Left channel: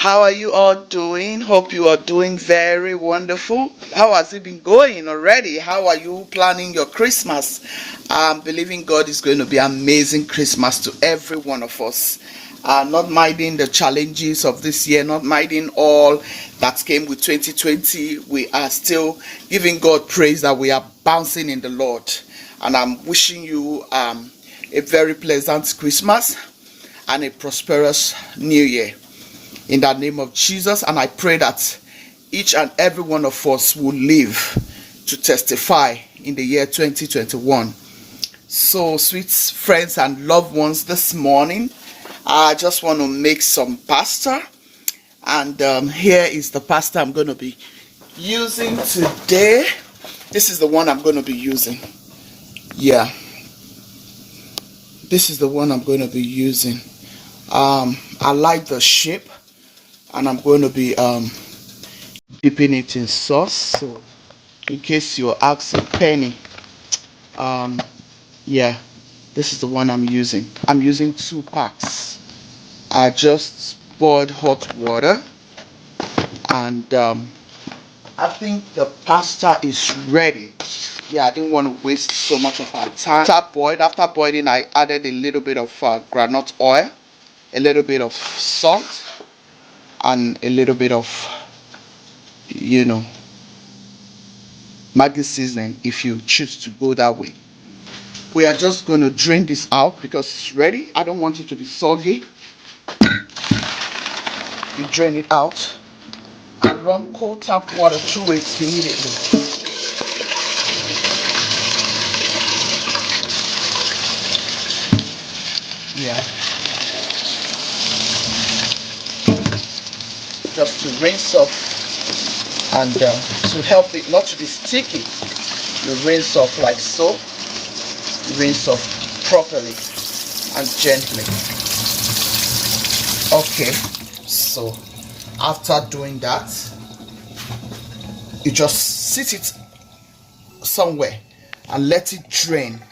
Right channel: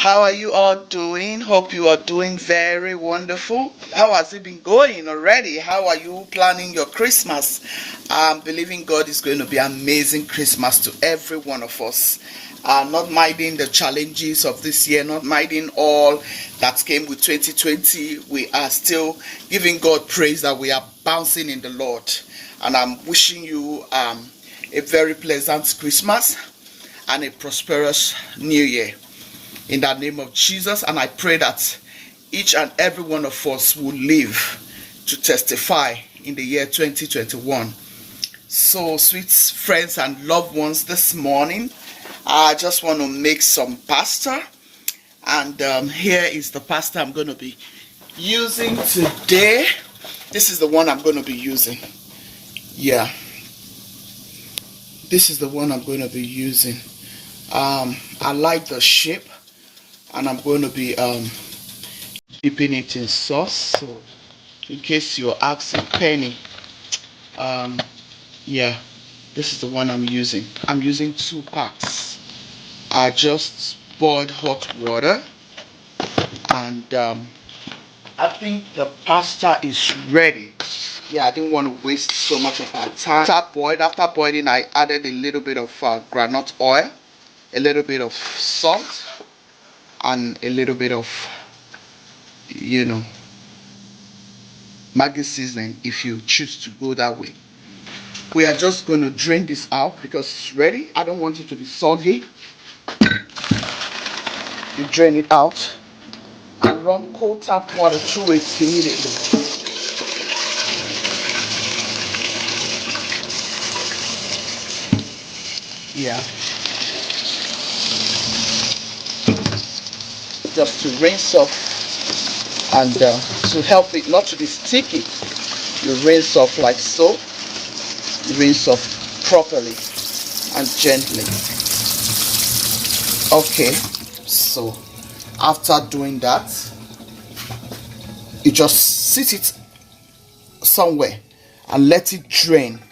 How are you all doing? Hope you are doing very wonderful. How has it been going already? How are you planning your Christmas? I'm believing God is going to be amazing Christmas to every one of us. Not minding the challenges of this year, not minding all that came with 2020, we are still giving God praise that we are bouncing in the Lord. And I'm wishing you a very pleasant Christmas and a prosperous New Year in the name of Jesus. And I pray that each and every one of us will live to testify in the year 2021. So, sweet friends and loved ones, this morning I just want to make some pasta, and here is the pasta I'm going to be using today. This is the one I'm going to be using. Yeah, this is the one I'm going to be using. I like the shape, and I'm going to be dipping it in sauce. So in case you're asking Penny, yeah, this is the one I'm using. I'm using 2 packs. I just boiled hot water, and I think the pasta is ready. Yeah, I didn't want to waste so much of our time. After boiling, I added a little bit of granite oil, a little bit of salt, and a little bit of, Maggi seasoning if you choose to go that way. We are just going to drain this out because it's ready. I don't want it to be soggy. You drain it out and run cold tap water through it immediately. Yeah. Just to rinse off, and to help it not to be sticky, you rinse off like so. You rinse off properly and gently. Okay, so after doing that, you just sit it somewhere and let it drain.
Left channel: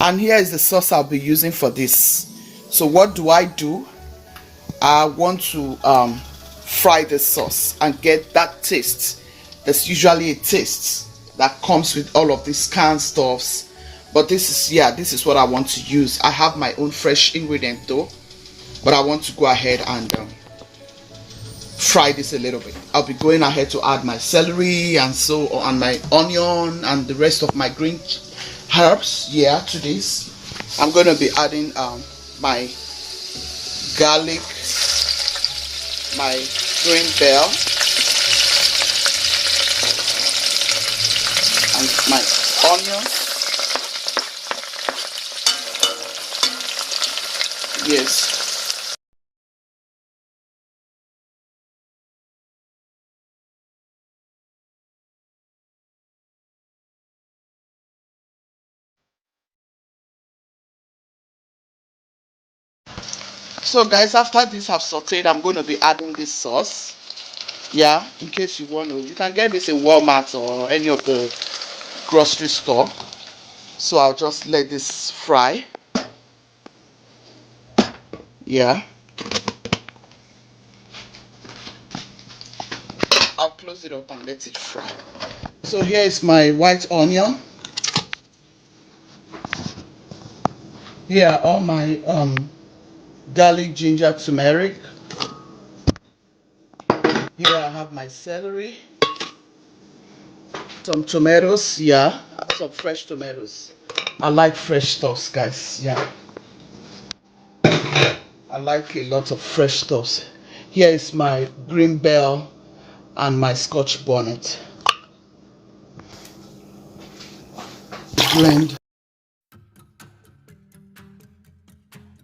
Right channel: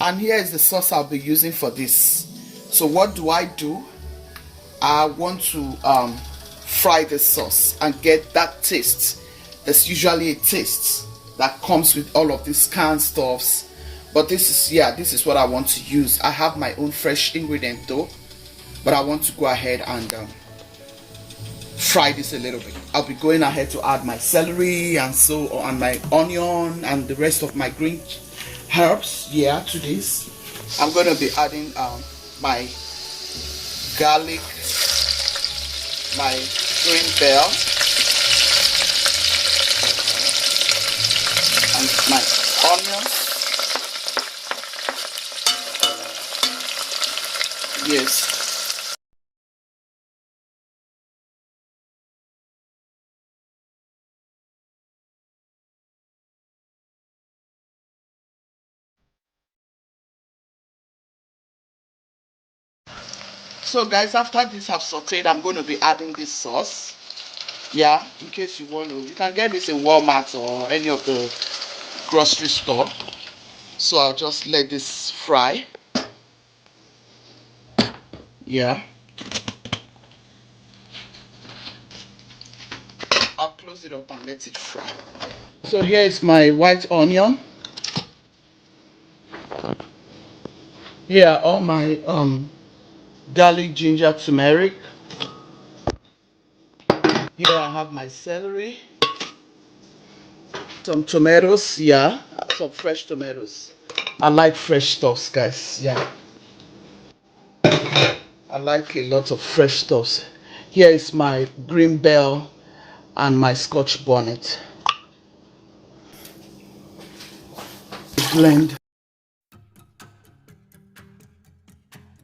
And here is the sauce I'll be using for this. So what do? I want to fry the sauce and get that taste. There's usually a taste that comes with all of these canned stuffs, but this is what I want to use. I have my own fresh ingredient though, but I want to go ahead and fry this a little bit. I'll be going ahead to add my celery and so on, my onion and the rest of my green herbs to this. I'm going to be adding my garlic, my green bell, and my onions. Yes. So guys, after this I've sauteed, I'm going to be adding this sauce. Yeah, in case you want to, you can get this in Walmart or any of the grocery store. So I'll just let this fry. Yeah. I'll close it up and let it fry. So here is my white onion. Here are all my garlic, ginger, turmeric. Here I have my celery, some tomatoes, some fresh tomatoes. I like fresh stuffs, guys. I like a lot of fresh stuffs. Here is my green bell and my scotch bonnet. Blend.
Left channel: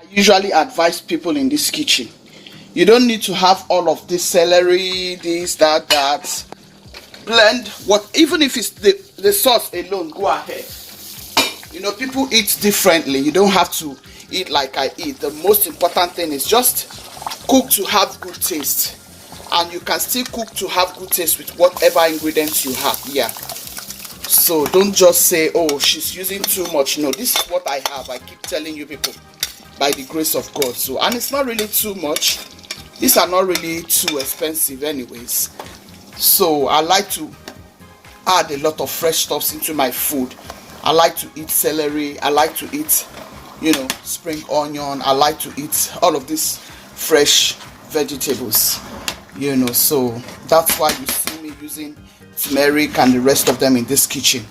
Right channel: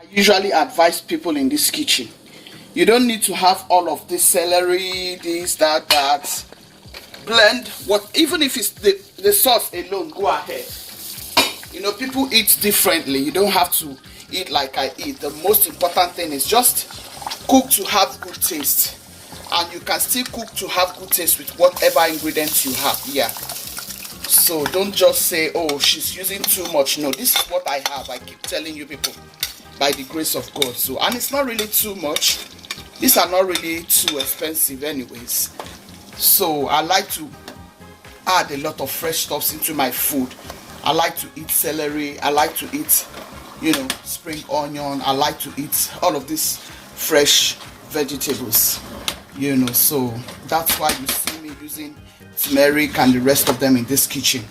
I usually advise people in this kitchen, you don't need to have all of this celery, this, that. Blend even if it's the sauce alone, go ahead. People eat differently. You don't have to eat like I eat. The most important thing is just cook to have good taste, and you can still cook to have good taste with whatever ingredients you have. So don't just say, oh, she's using too much. No, this is what I have. I keep telling you people, by the grace of God. So, and it's not really too much. These are not really too expensive anyways. So I like to add a lot of fresh stuffs into my food. I like to eat celery. I like to eat, spring onion. I like to eat all of these fresh vegetables, so that's why you see me using turmeric and the rest of them in this kitchen.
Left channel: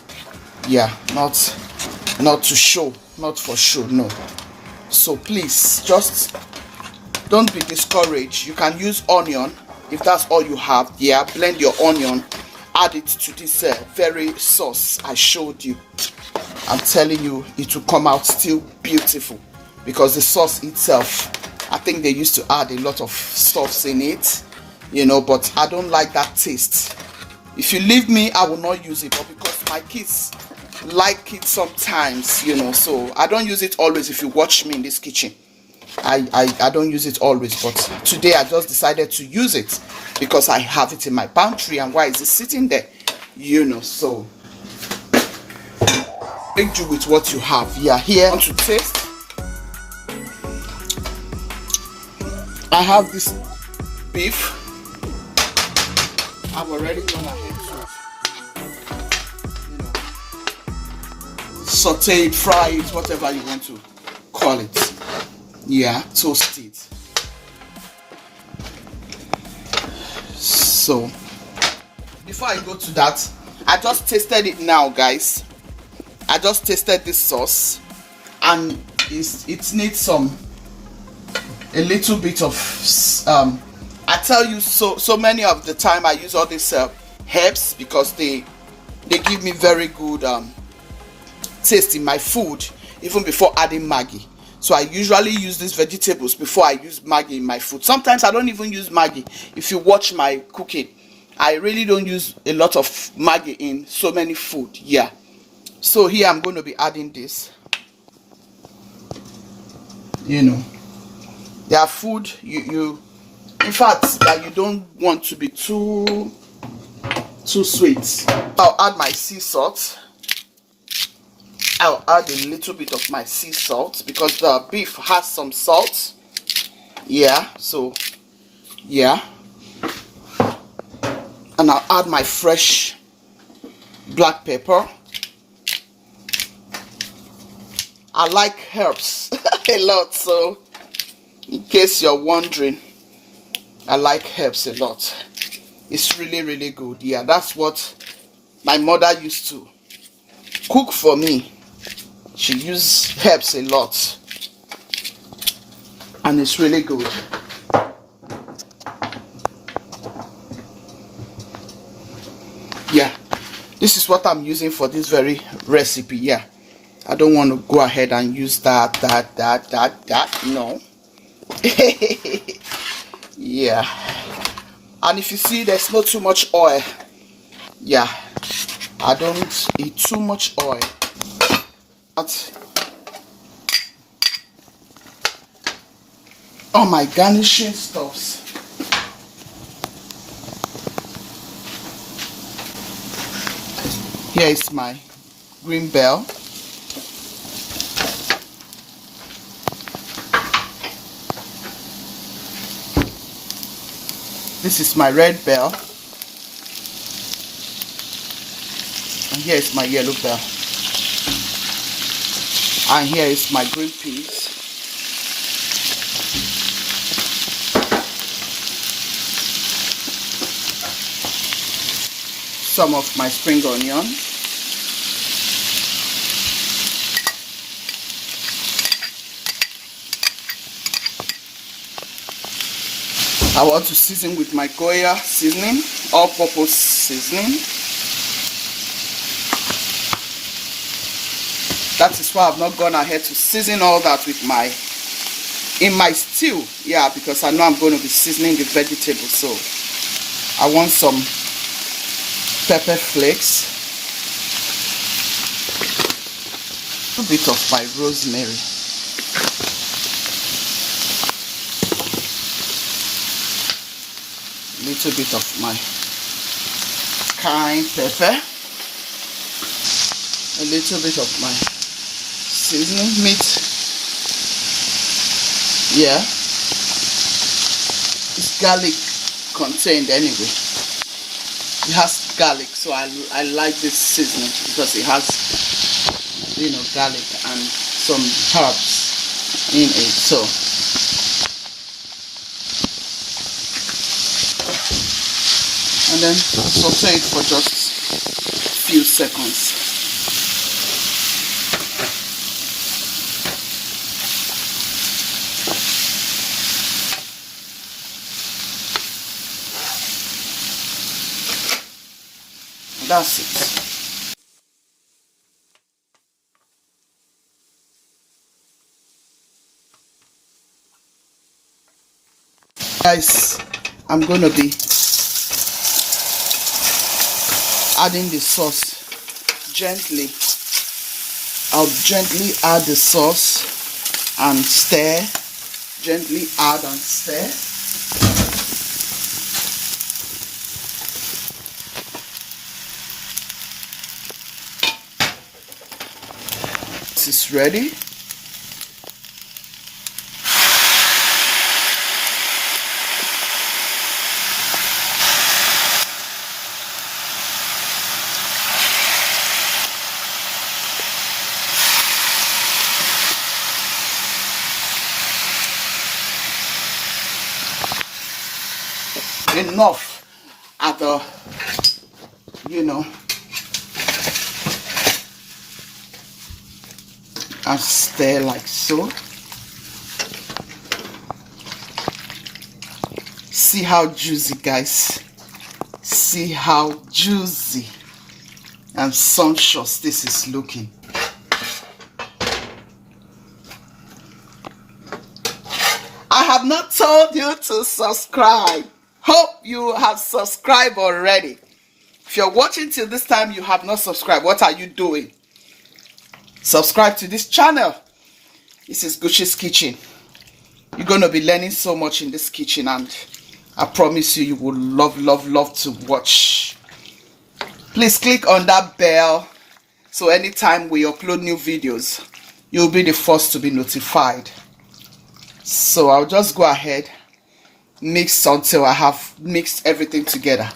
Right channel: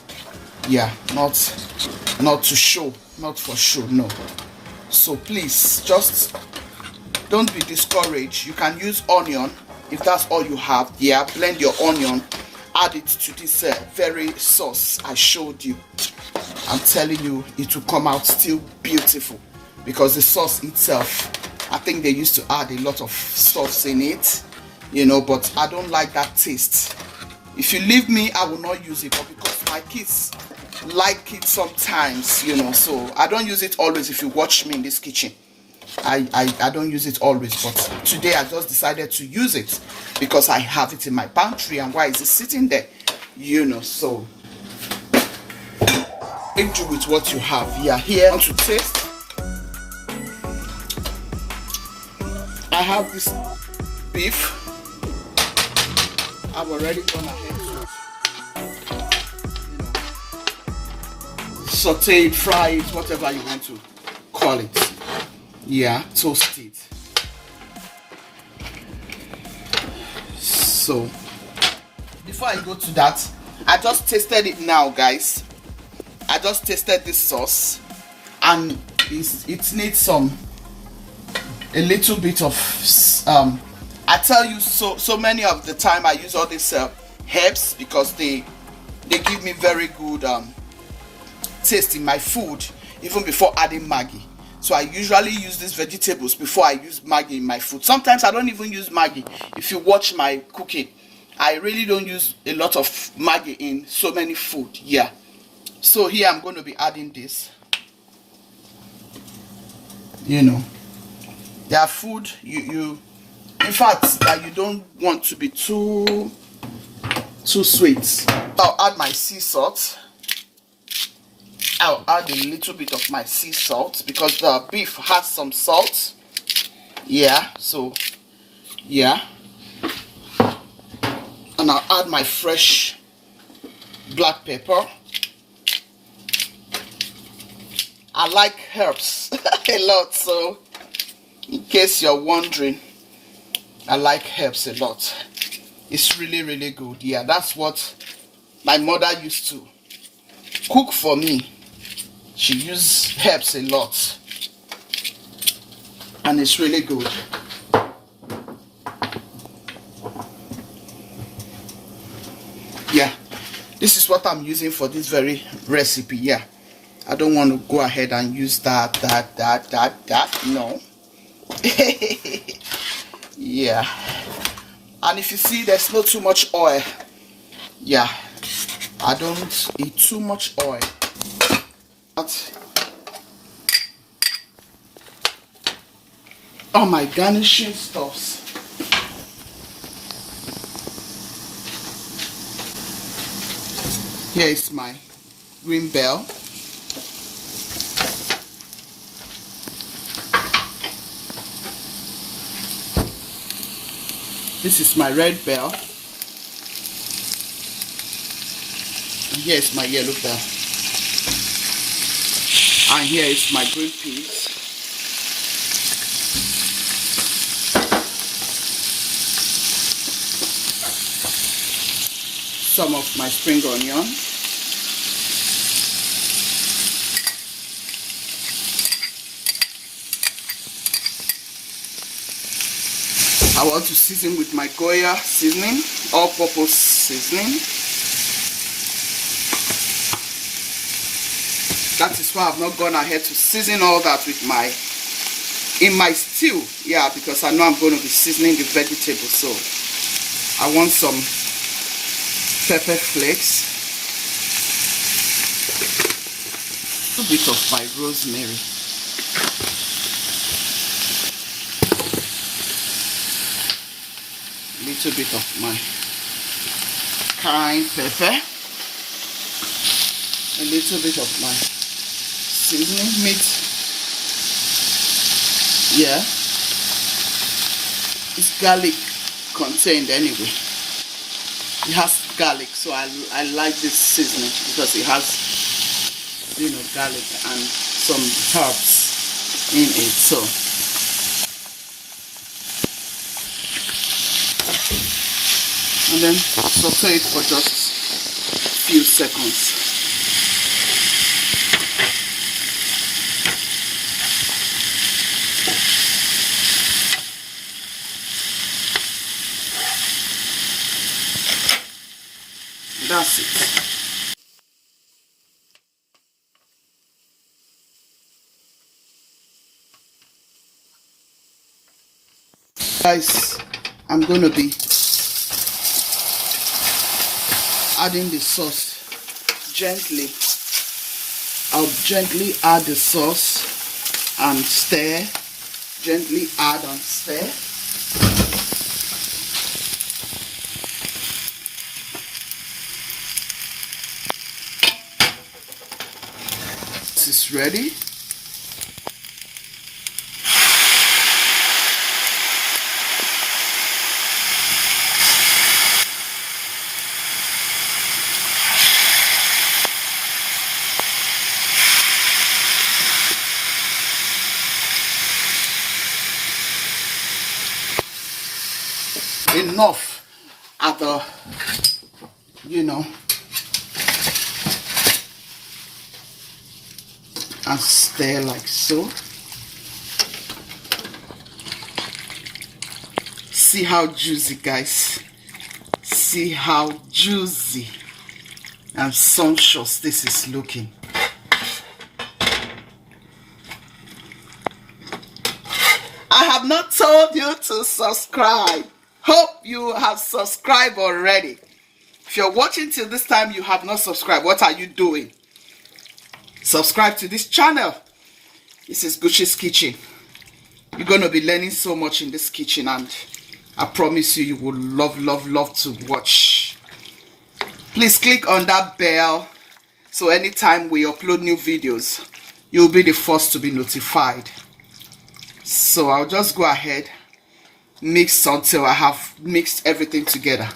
Yeah, not to show, not for show, no. So please, just don't be discouraged. You can use onion if that's all you have. Yeah, blend your onion, add it to this very sauce I showed you. I'm telling you, it will come out still beautiful, because the sauce itself, I think they used to add a lot of stuffs in it, but I don't like that taste. If you leave me, I will not use it, but because my kids like it sometimes, so I don't use it always. If you watch me in this kitchen, I don't use it always, but today I just decided to use it because I have it in my pantry. And why is it sitting there? So make do with what you have. Yeah, here to taste, I have this beef. I've already gone ahead to saute it, fry it, whatever you want to call it. Yeah, toast it. So before I go to that, I just tasted it now, guys. I just tasted this sauce, and it needs a little bit of I tell you, so many of the time I use all these herbs because they give me very good taste in my food, even before adding Maggi. So I usually use these vegetables before I use Maggi in my food. Sometimes I don't even use Maggi. If you watch my cooking, I really don't use a lot of Maggi in so many food. Yeah. So here I'm going to be adding this. Their food, in fact, that you don't want to be too sweet. I'll add my sea salt. I'll add a little bit of my sea salt because the beef has some salt. Yeah, so yeah. And I'll add my fresh black pepper. I like herbs a lot, so in case you're wondering, I like herbs a lot. It's really, really good. Yeah, that's what my mother used to cook for me. She used herbs a lot, and it's really good. Yeah, this is what I'm using for this very recipe. Yeah, I don't want to go ahead and use that. No. Yeah, and if you see there's not too much oil, yeah, I don't eat too much oil. But all my garnishing stuffs. Here is my green bell. This is my red bell. And here is my yellow bell. And here is my green peas. Some of my spring onion. I want to season with my Goya seasoning, all-purpose seasoning. That is why I've not gone ahead to season all that with in my stew. Yeah, because I know I'm going to be seasoning the vegetables, so I want some pepper flakes, a bit of my rosemary, a little bit of my cayenne pepper, a little bit of my seasoning meat, yeah, It's garlic contained anyway. It has garlic, so I like this seasoning because it has, you know, garlic and some herbs in it. So and then saute it for just a few seconds. That's it. Guys, I'm gonna be adding the sauce gently. I'll gently add the sauce and stir. Gently add and stir. This is ready. Enough at the, you know, and stir like so. See how juicy, guys. See how juicy and sumptuous this is looking. I have not told you to subscribe. Hope you have subscribed already. If you're watching till this time, you have not subscribed. What are you doing? Subscribe to this channel. This is Guchies Kitchen. You're going to be learning so much in this kitchen, and I promise you, you will love to watch. Please click on that bell so anytime we upload new videos, you'll be the first to be notified. So I'll just go ahead, mix until I have mixed everything together.